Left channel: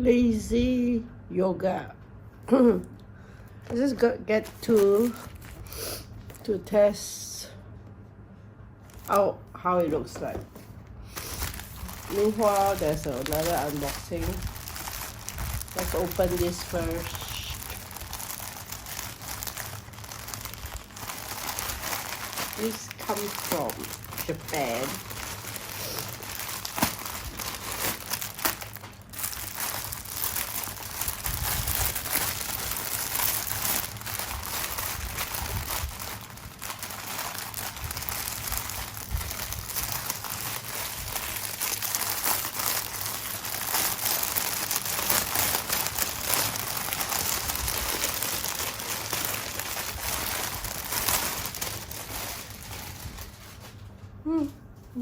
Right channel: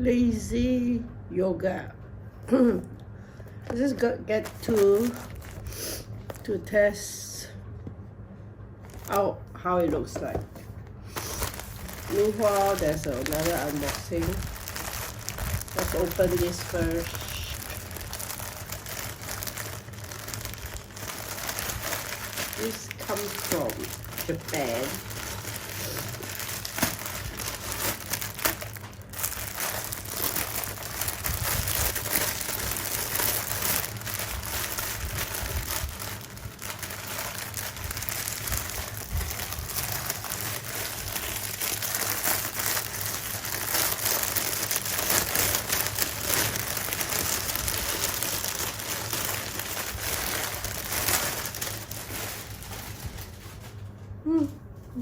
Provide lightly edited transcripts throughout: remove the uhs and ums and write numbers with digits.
Lazy yoga. I just get to test out how it looks like. Meanwhile, there's another unboxing. Let's open this first. This comes from Japan.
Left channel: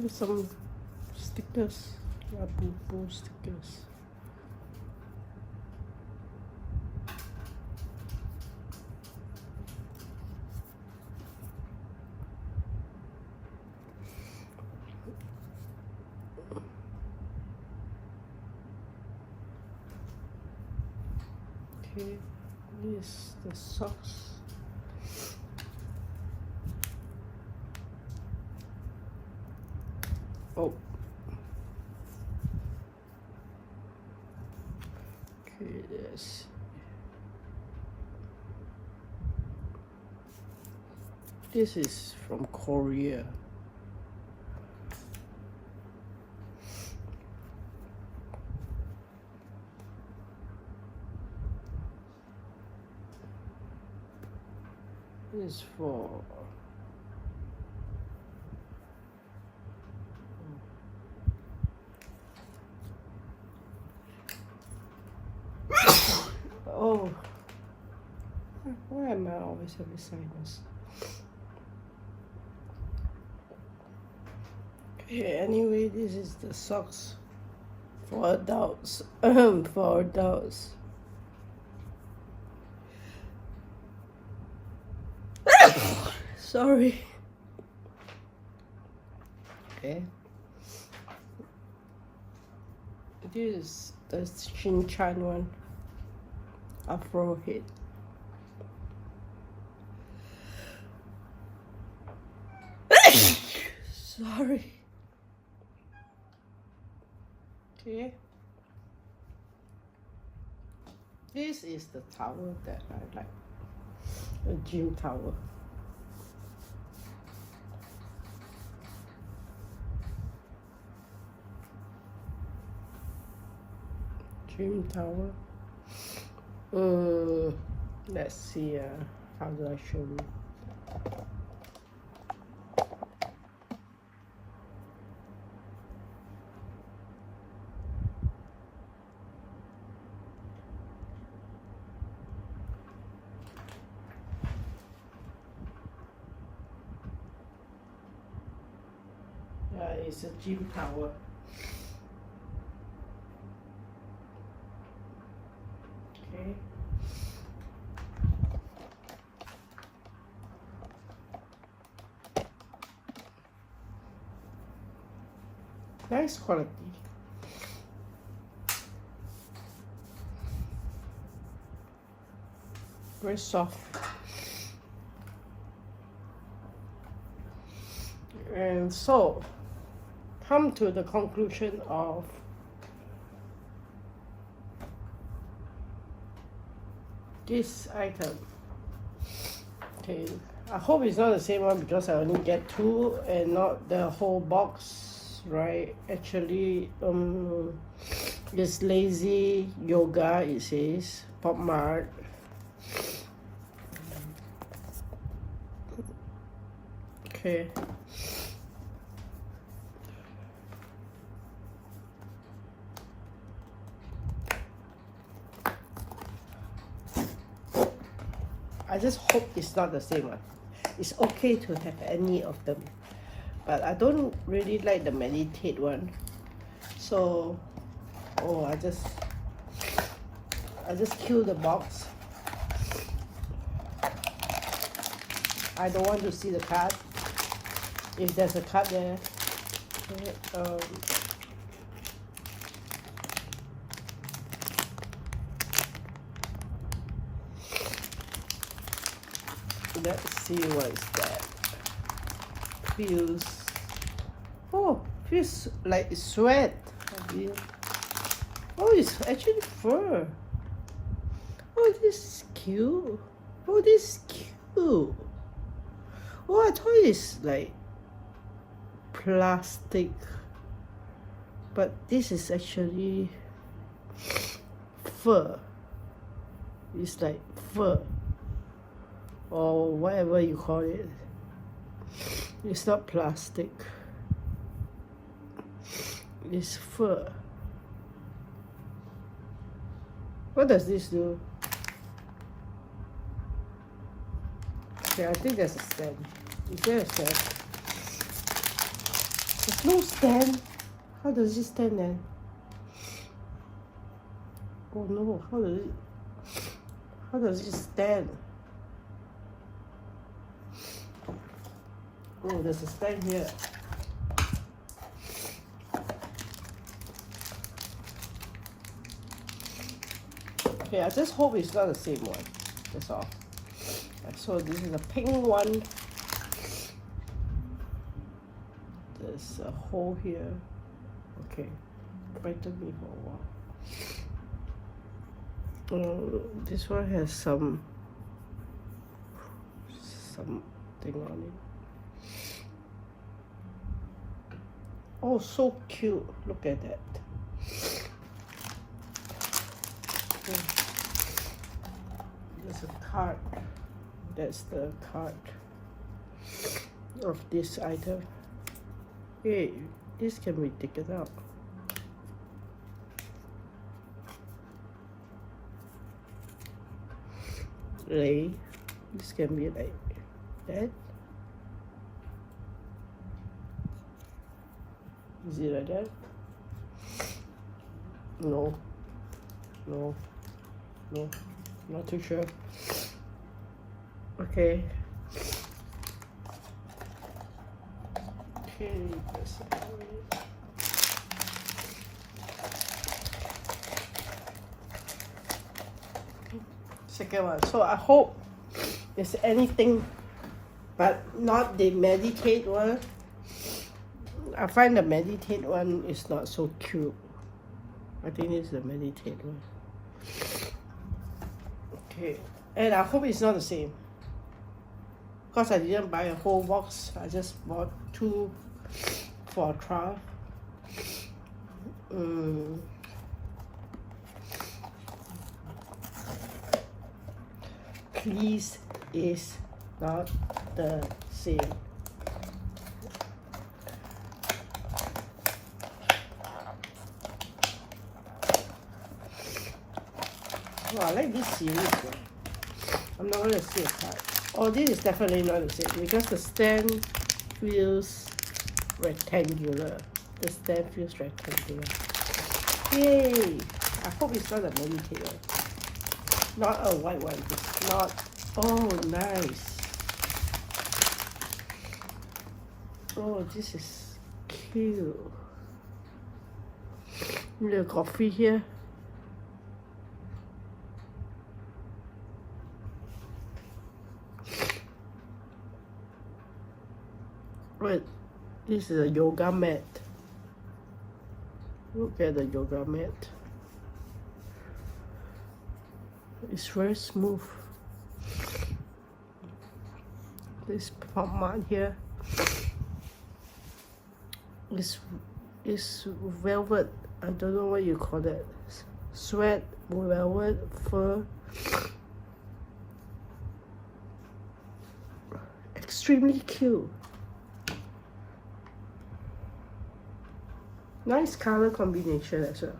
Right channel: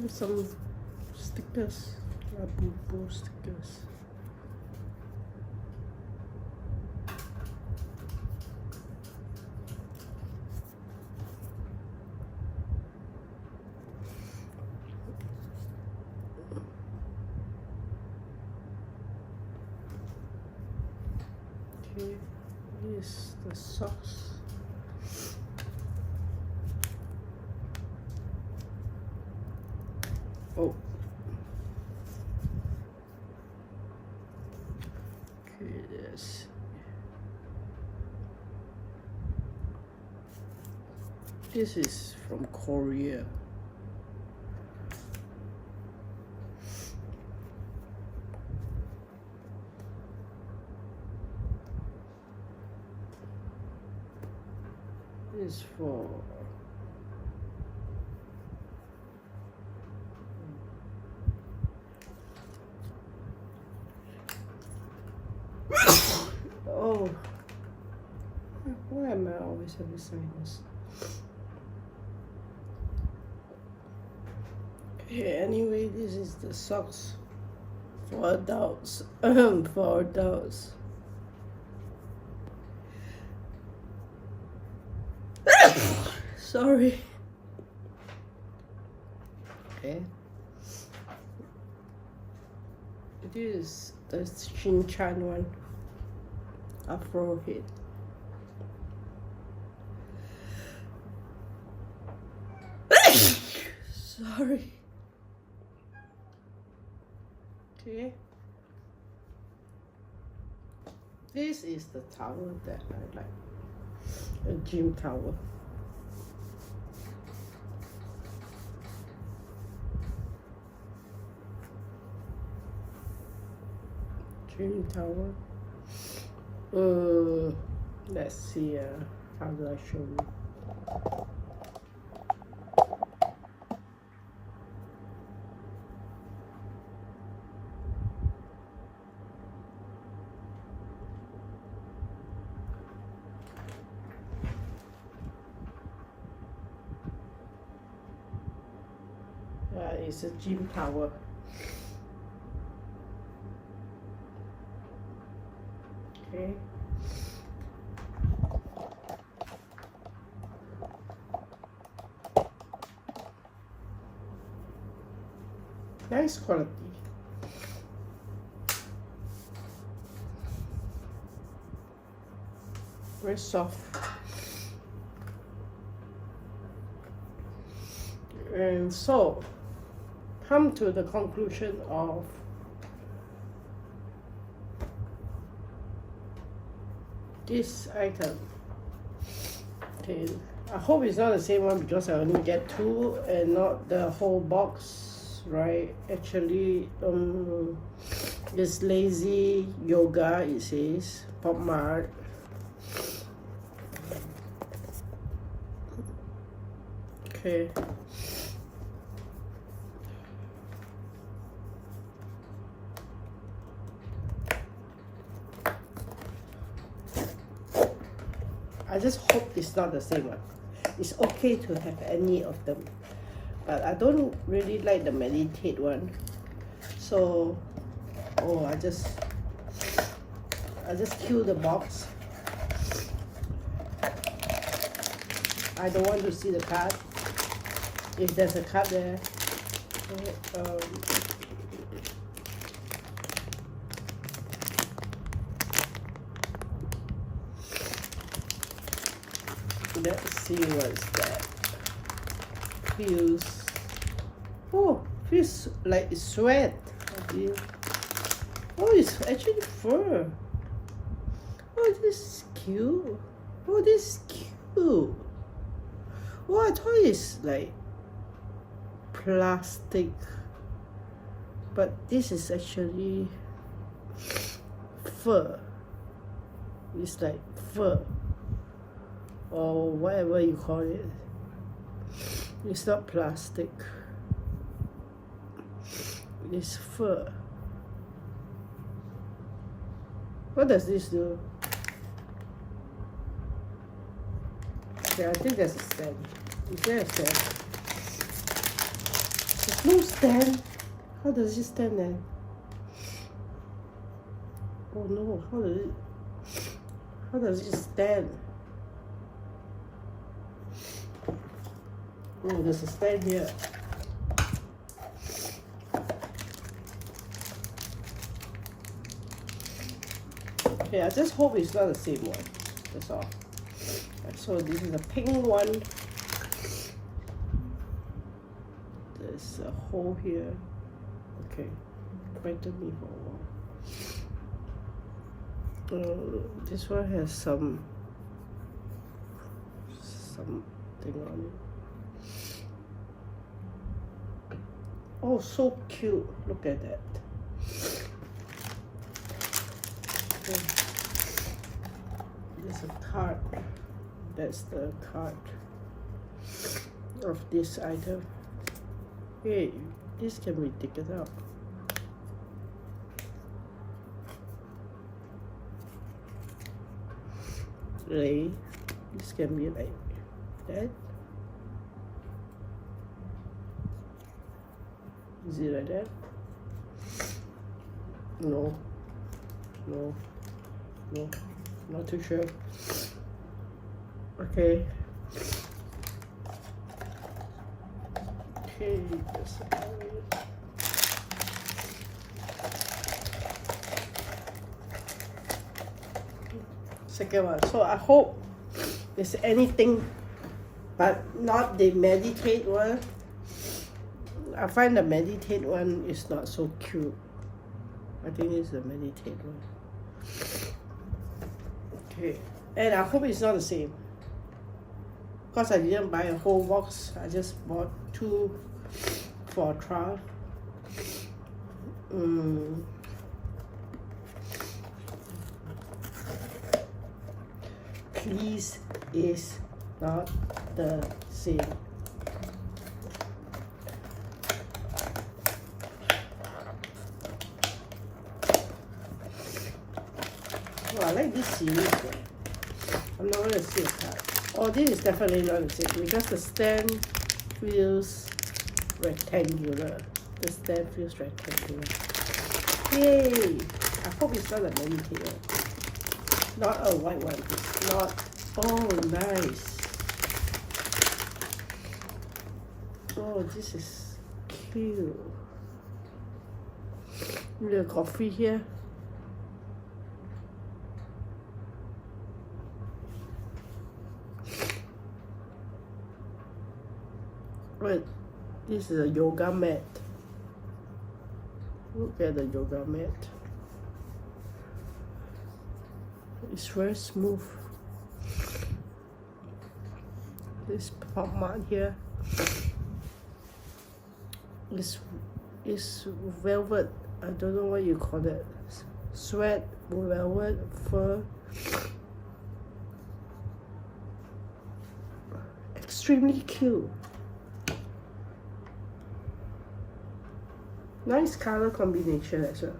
With some stickers, Labubu stickers. Okay, this is the socks. Oh. Okay, this. This is from Korea. This is for oh, why am I always having sinus? Okay, anyway, this is the socks for adults. For adults. Sorry. Okay. This is the Shin-chan one. Afro head. Sorry. Okay. This is the towel that I like. A gym towel. Gym towel. Let's see, how do I show you? Yeah, it's a gym towel. Okay. Nice quality. Very soft. And so, come to the conclusion of this item. Okay, I hope it's not the same one because I only get two and not the whole box, right? Actually, this Lazy Yoga, it says Popmart. Okay. I just hope it's not the same one. It's okay to have any of them, but I don't really like the meditate one. So, I just kill the box. I don't want to see the card. If there's a card there, let's see what's that. Feels, oh, feels like sweat. Oh, it's actually fur. Oh, this is cute. Oh, this is cute. Oh, I thought it's like plastic, but this is actually fur. It's like fur, or whatever you call it. It's not plastic. It's fur. What does this do? Okay, I think there's a stand. Is there a stand? There's no stand. How does it stand then? Oh no, how does it stand? Oh, there's a stand here. Okay, I just hope it's not the same one. That's all. So this is a pink one. There's a hole here. Okay, wait to me for a while. This one has something on it. Oh, so cute! Look at that. There's a card. That's the card of this item. Hey, this can be taken out. Lay. This can be like that. Is it like that? No. No. No. Not too sure. Okay. Okay, this second one. So I hope there's anything, but not the meditate one. I find the meditate one is not so cute. I think it's the meditate one. Okay, and I hope it's not the same. Because I didn't buy a whole box, I just bought 2 for a trial. Please is not the same. Oh, I like this series though. I'm not gonna see a card. Oh, this is definitely not the same because the stand feels rectangular. The stand feels rectangular. Yay! I hope it's not a meditate one. Not a white one. It's not. Oh, nice. Oh, this is cute. Little coffee here. Wait, this is a yoga mat. Look at the yoga mat. It's very smooth. This Popmart here is velvet. I don't know what you call that. Sweat, velvet, fur. Extremely cute. Nice color combination as well.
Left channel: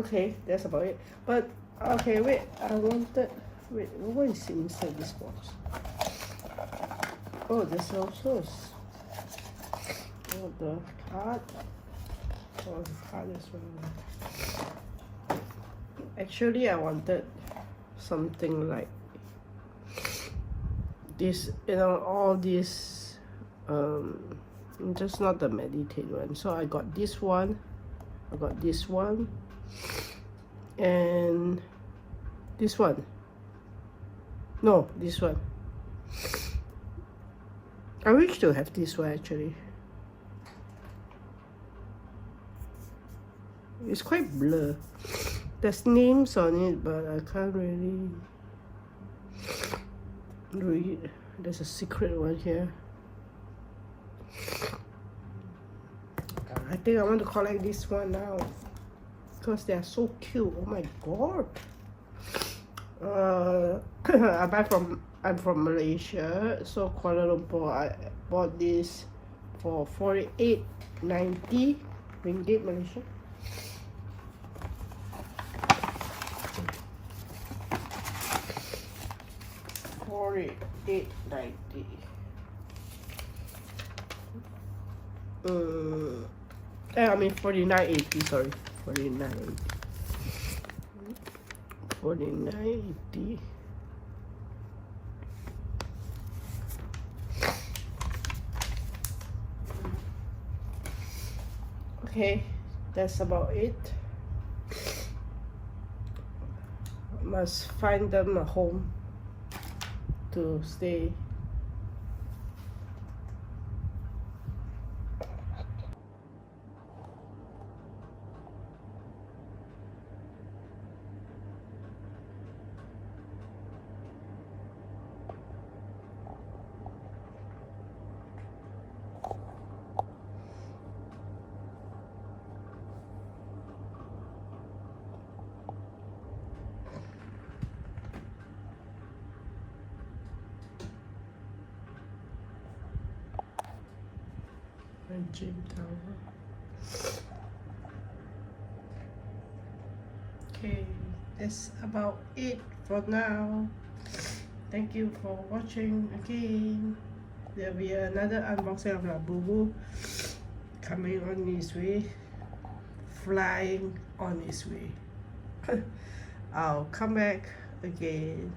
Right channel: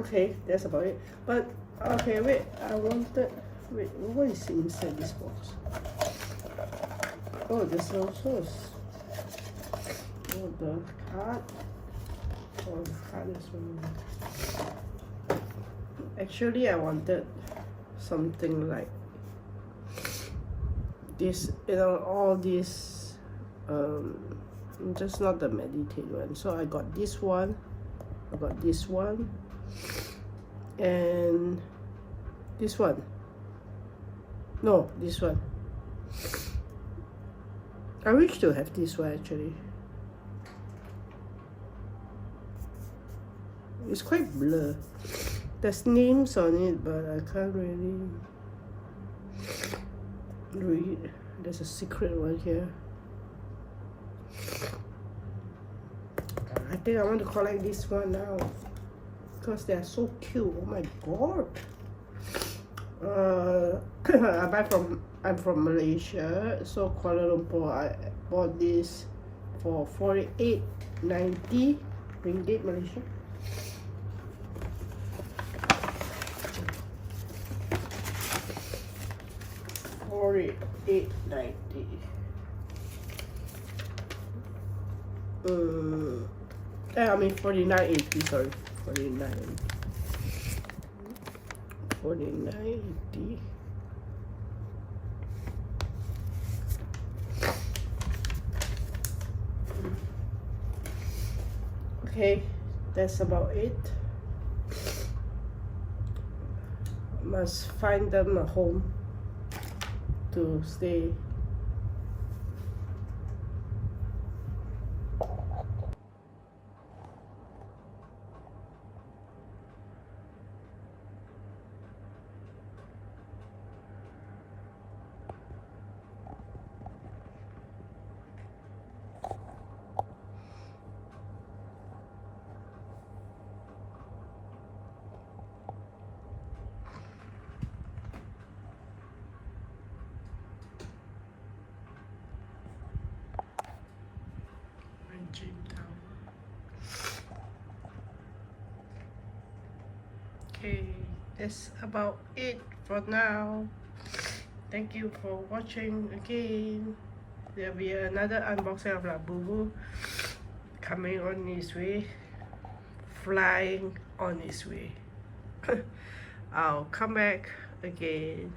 Okay, that's about it. But okay, wait, what is inside this box? Oh, this also is the card. Oh, the card as well. Actually, I wanted something like this, you know, all this, just not the meditate one. So I got this one, I got this one, and this one. No, this one. I wish to have this one actually. It's quite blur. There's names on it, but I can't really read. There's a secret one here. I think I want to collect this one now because they're so cute. Oh my god. I'm from Malaysia, so Kuala Lumpur. I bought this for 48.90 ringgit Malaysia. $48.90. I mean 49.80. Sorry, 49.80. Okay, that's about it. Must find them a home to stay. Okay, that's about it for now. Thank you for watching again. There'll be another unboxing of Labubu coming on its way, flying on its way. I'll come back again.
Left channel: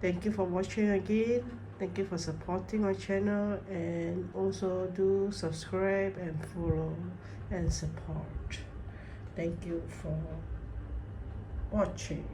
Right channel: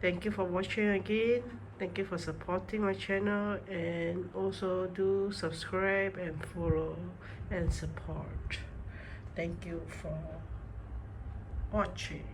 Thank you for watching again. Thank you for supporting my channel, and also do subscribe and follow and support. Thank you for watching.